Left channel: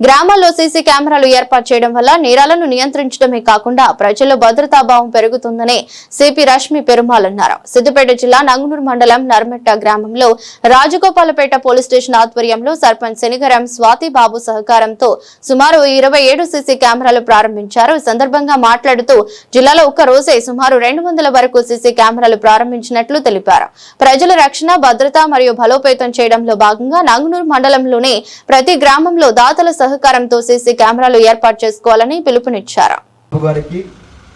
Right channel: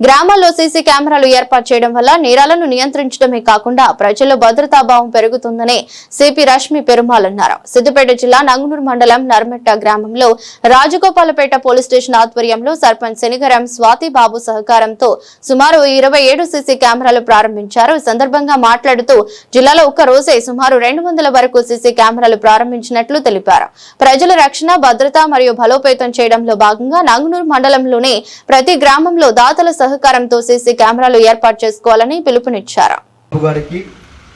గ్రామాల్లో సీసీ కెమెరాలు ఏర్పాటు చేయడం వల్ల నేరాలను నియంత్రించడమే కాకుండా ప్రజల్లో భద్రతాభావం పెరుగుతుందని సిపి రష్మి పెరుమాల్ అన్నారు. సిద్దిపేట జిల్లా నంగునూరు మండలం నర్మెట్ట గ్రామంలో రాజగోపాలపేట పోలీస్ స్టేషన్ ఆధ్వర్యంలో సర్పంచ్ శనిగరం స్వాతి బాబు సహకారంతో సుమారు 27 సీసీ కెమెరాలు ప్రారంభించారు. ఈ సందర్భంగా మాట్లాడుతూ జిల్లాలో ఒక్క రోజే సుమారు 200 వరకు సీసీ కెమెరాలు ప్రారంభించినట్లు తెలిపారు. ప్రజల రక్షణ, భద్రత మరియు బలోపేతం చేయడంలో భాగంగా నంగునూరు మండలంలోని ప్రతి గ్రామంలో దాతల సహకారంతో సీసీ కెమెరాలు ఏర్పాటు చేసుకోవాలని పిలుపునిచ్చారు. గారికి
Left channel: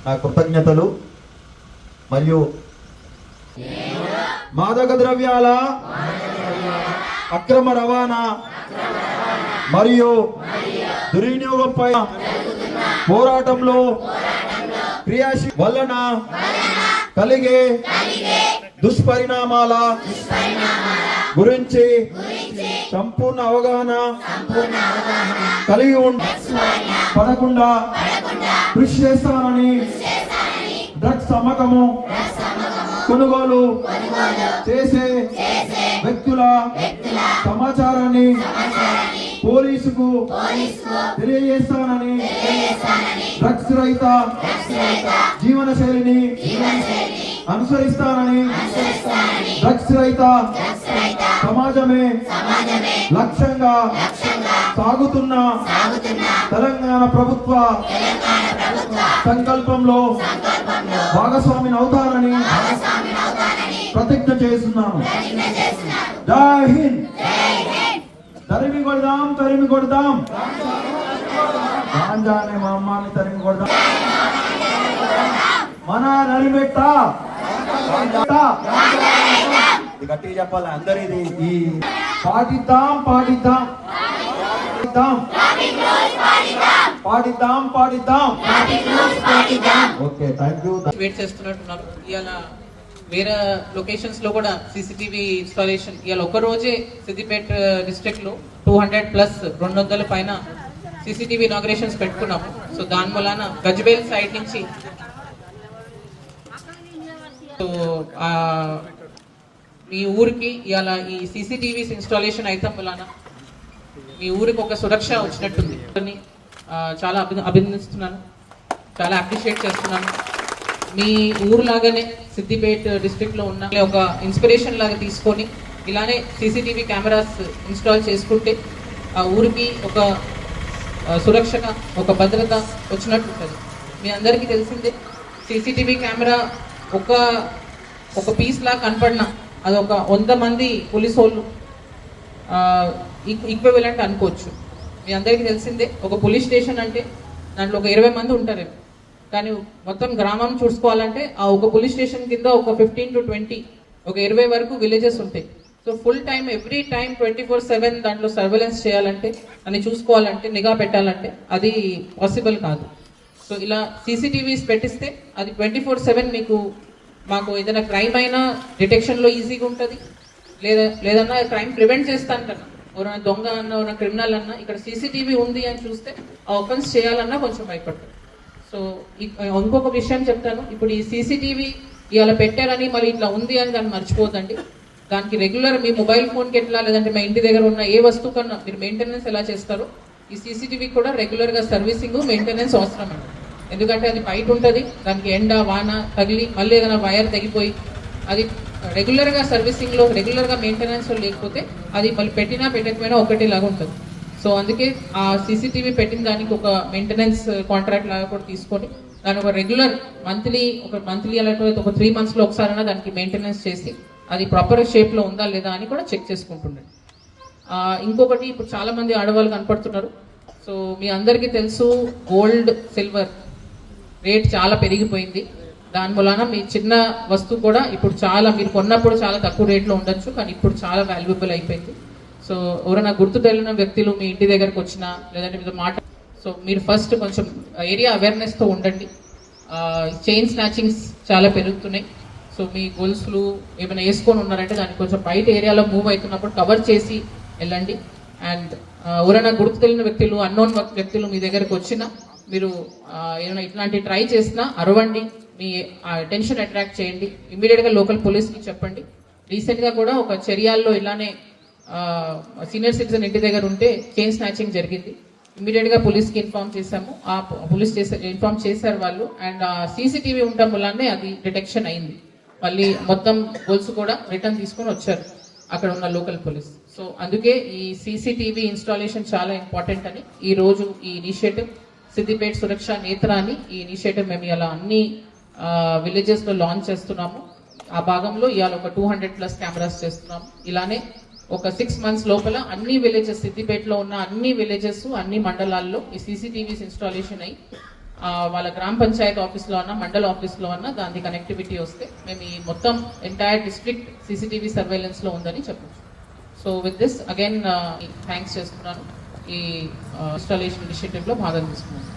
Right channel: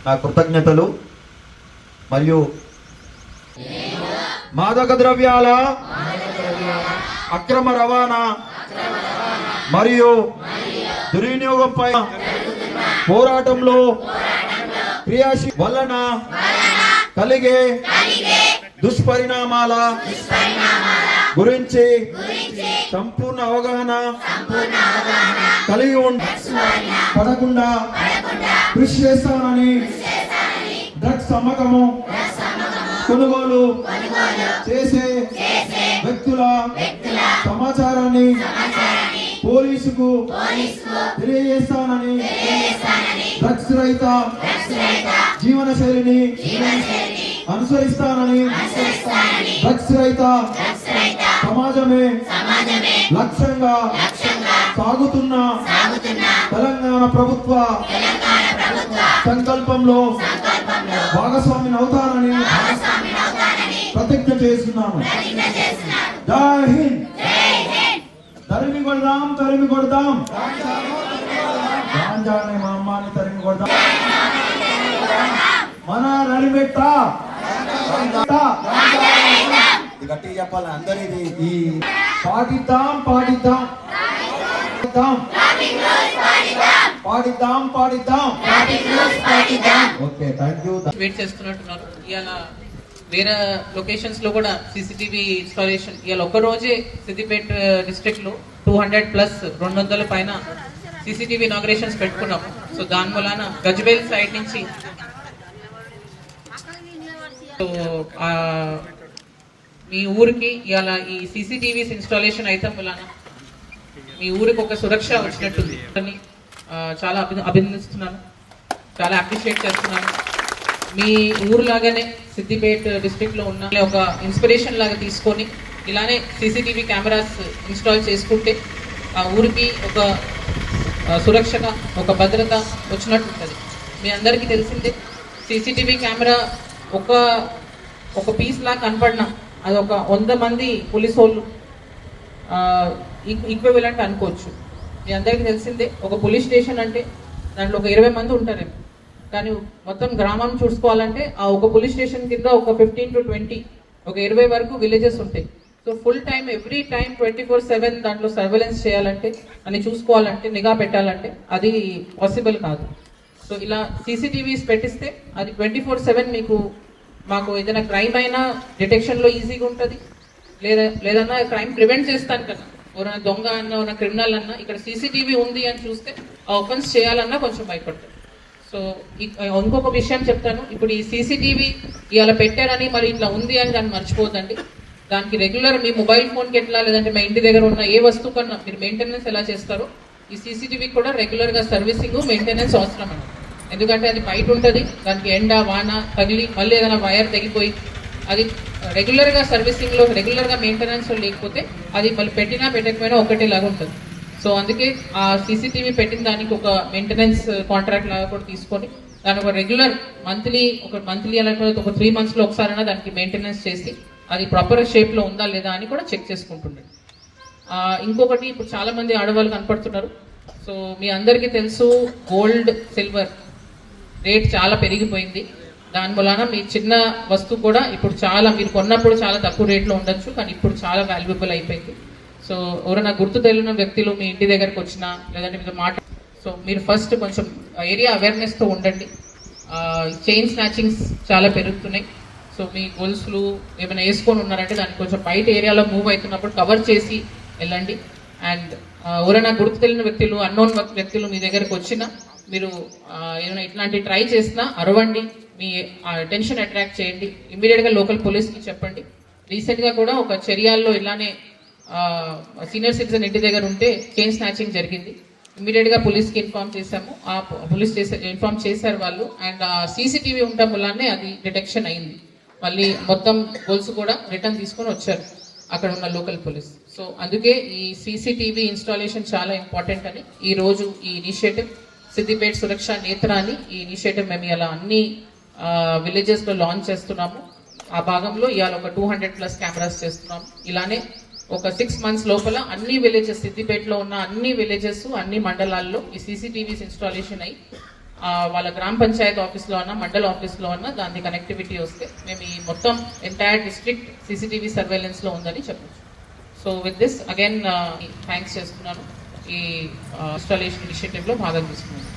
నా కృతజ్ఞతలు. మరియు మాదక ద్రవ్యాల అక్రమ రవాణా మరియు దుర్వినియోగంపై పోరాటంలో క్రియాశీల వలన కలిగే దుష్పరిణామాల గురించి సంపూర్ణ అవగాహన కలిగి పడకుండా కృషి చేస్తానని, డ్రగ్స్ అమ్మకము, కొనుగోలు చేసే వ్యక్తుల సమాచారాన్ని పోలీసుకు తెలియజేస్తానని, డ్రగ్స్ రహిత జీవన శైలిని అనుసరిస్తానని, డ్రగ్స్ రహిత సమాజమే లక్ష్యంగా సాగుతున్న తెలంగాణ ప్రభుత్వ సంకల్పంలో భాగస్వామిని అవుతానని ప్రతిజ్ఞ చేస్తున్నాను. జై హింద్. తరిమి కొడదాం, తరిమి కొడదాం, గాంజానే మా అమ్మాని తరిమి కొడదాం. మన నరిమెట్ట గట్టిగా చెప్పాలి అందరిది. ఈ పాటిద్దాం పాటిద్దాం పాటిద్దాం పాటిద్దాం. Okay, thank you. వెయిట్ చేస్తున్నట్టున్నారు. ఇవాళ వేరే లొకేషన్స్ లో కూడా సీసీటీవీ ఇన్స్టాలేషన్ ఇవాళ ఒక రోజే సిద్దిపేట డిస్ట్రిక్ట్ లో 200+ 200 పైన సీసీటీవీ ఇనాగ్రేషన్స్ పెట్టుకున్నాము. సో దాని మూలాన గజ్వేల్ సైడ్ నుంచి మీ ఊరికి ఇవాళ ఈ సీసీటీవీస్ ఇన్స్టాలేషన్ అయితే మూలాన మీ ఊరికి ఒక సురక్ష వచ్చినట్టుంది. చాలా అభినందిస్తున్నాను, చాలా అప్రిషియేట్ చేస్తున్నాను. మీ ఊరులాగానే సిద్దిపేట డిస్ట్రిక్ట్ లో ఉన్న ఒక ఇన్స్పిరేషన్ లాగా తీసుకొని ఇలానే సీసీటీవీ కెమెరాస్ ఇన్స్టాల్ చేసుకుంటే ఆ ఊరికి ఒక సురక్షగా, ఒక భద్రత వచ్చినట్టు ఉంటుంది. మీ అందరికీ తెలిసిందే, సీసీటీవీ కెమెరా ఒక పీస్ లా కనపడినా అది ఒక 100 మంది పోలీసు వాళ్ళు ఈక్వివలెంట్ అనుకోవచ్చు. మీ అందరికీ తెలిసిందే, ఒక పోలీస్ స్టేషన్ అంటే దాంట్లో ఒక 20 మంది ఉంటారేమో, కానీ మొత్తం గ్రామం చూసుకోవాలంటే ఆ ఒక పోలీస్ స్టేషన్ కింద ఒక 15 to 20 ఒక 20 వరకు విలేజెస్ ఉంటాయి. So full time every time 24/7 దాంట్లో సర్వేలెన్స్ చేయాలంటే, అని చూసుకోవాలంటే, నిఘా పెట్టాలంటే అది పాసిబుల్ కాదు. సో ఇలా సీసీటీవీస్ పెట్టిస్తే అది 24/7 మాకు ఏదైనా క్రైమ్ అయినా డిటెక్షన్లో ఈజీగా ఉంటుంది, లేదన్నా క్రైమ్ ప్రివెంట్ చేస్తాను కదా. ఎవరైనా దొంగ అన్నా, ఎవరైనా క్రిమినల్ అన్నా ఇక్కడ సీసీటీవీ ఉంది అని చూస్తే ఆ ఒఫెన్స్ చేయాలన్నా కొంచెం భయపడతారు. సో ఇంకొక విషయం చెప్తాను. ఇప్పుడు ఈ సీసీటీవీ ఇవాళ పెట్టారని మరి ఇట్లా ఉంది అని దాన్ని మర్చిపోదండి. దానికి రెగ్యులర్ మీ మొబైల్ ఫోన్కి ఎట్లా, లేదంటే మా ఇంటి దగ్గర ఉన్న ఏ వస్తువు కన్నా మీరు మెయింటెనెన్స్ ఎలా చేస్తారో ఈ సీసీటీవీ కూడా రెగ్యులర్గా సర్వీసింగ్, మెయింటెనెన్స్ అవసరం అండి. ఎందుకంటే అది బయట ఉంటుంది, దానికి ఎండ వాన తగిలి మళ్ళీ ఏదైనా వైర్ తెగిపోయి అది రెగ్యులర్గా సర్వీసింగ్లో, రెగ్యులర్గా మెయింటెనెన్స్ లేకపోతే అది మళ్ళీ పెట్టినా పెట్టకపోయినా ఒకటేలాగా ఉంటుంది. సో అందుకే ఆ సీసీటీవీ పెట్టిన దానికి ఒక మెయింటెనెన్స్ కాంట్రాక్ట్ లాగా కూడా తీసుకొని దాని ఒక రెగ్యులర్ మంత్లీ లేకపోతే ఒక 3 monthsలో ఒకసారైనా దానికి మెయింటెనెన్స్ చేసి అది ప్రాపర్ షేప్లో ఉందా లేదా అని కూడా చెక్ చేసుకుంటుండండి. ఇంకొకటి, ఇప్పుడు చాలా మంది ఆడవాళ్ళు కనపడుతున్నారు. సో మీ అందరికీ తెలుసు, గోల్డ్ సిల్వర్ రేట్ చాలా పెరిగిపోయింది. దాని వలన మీ చిన్న వస్తువు కూడా ఇప్పుడు చాలా, మీరు కొన్నప్పుడు చాలా తక్కువ రేట్లో ఉండొచ్చు, కానీ ఇప్పుడు చాలా వాల్యుబుల్ అయిపోయింది. సో ఎవరైనా గుర్తు తెలియని వ్యక్తులు మీ ఇంటి దగ్గరకు వచ్చినా, లేదంటే మీరు సో మీరు ఫస్ట్ కొంచెం ఏరియా అవేర్నెస్తో ఉండండి. చైన్ స్నాచింగ్స్ చాలా పెరుగుతున్నాయి. సో మీ గొలుసులు ఏమైనా వేసుకొని ఉన్నారంటే దాన్ని కొంచెం బయట ఏరియాలో మూవ్ అవుతున్నప్పుడు కవర్ చేసి వెళ్ళండి. అండ్ ఎవరైనా గుర్తు తెలియని వ్యక్తులు, అన్నోన్ వ్యక్తులు మీ దగ్గరకు వచ్చినా, మీరు ఏమైనా ఇట్లాంటి ట్రై చేసినా అరవండి, మీ అటెన్షన్ అట్రాక్ట్ చేయండి, ఇమ్మీడియట్గా లోకల్ పోలీస్కి చెప్పండి. రీసెంట్గా కూడా ఒక చర్యాల్లో ఇలానే సీనియర్ సిటిజన్ ఇంటి దగ్గర ఉంటే చైన్ స్నాచింగ్ జరిగింది. ఇమీడియట్ గా పోలీస్ కి ఇన్ఫార్మ్ చేశాము. ఆ పోలీస్ ఇన్ఫార్మ్ చేశారు వాళ్ళు. అండ్ సీసీటీవీ ఉండటం వల్లనే అది డిటెక్షన్ అయింది. మళ్ళీ మొత్తం గోల్స్ కూడా రిటర్న్ తీసుకొని వచ్చారు అక్కడ ఉన్న లోకల్ పోలీస్. సో అందుకే ఈ సీసీటీవీ ఇన్స్టాలేషన్ చాలా ఇంపార్టెంట్ అని ఈ రోజు ఈ ఇనిషియేటివ్ సిద్దిపేట సురక్ష నేత్ర అని ఈ ఇనిషియేటివ్ మేము ఇలా అన్ని విలేజెస్ లో లాంచ్ చేస్తున్నాము. ఆ భాగంలో ఇవాళ ఒక 200+ కెమెరాస్ చేస్తున్నాము. ఇలానే ఒక 6 months లోపల అన్ని విలేజెస్ సిద్దిపేటలో ఉన్న అన్ని విలేజెస్ అన్ని మండలాల్లో ఈ సీసీటీవీస్ ఇన్స్టాలేషన్ అయ్యి వాళ్ళ గ్రామ పంచాయత్ ఆఫీస్లో అన్న మండల ఆఫీస్లో అన్న దాని కనెక్టివిటీ వస్తే మేము ఈ మొత్తం ఎంటైర్ డిస్ట్రిక్ట్ సీసీటీవీ సర్వేలెన్స్ లో ఉందని చెప్పచ్చు. So with this again thanks చేస్తున్నాను ఈ ఇన్స్టాలేషన్ ఇనిషియేటివ్ లో భాగం తీసుకున్నాను.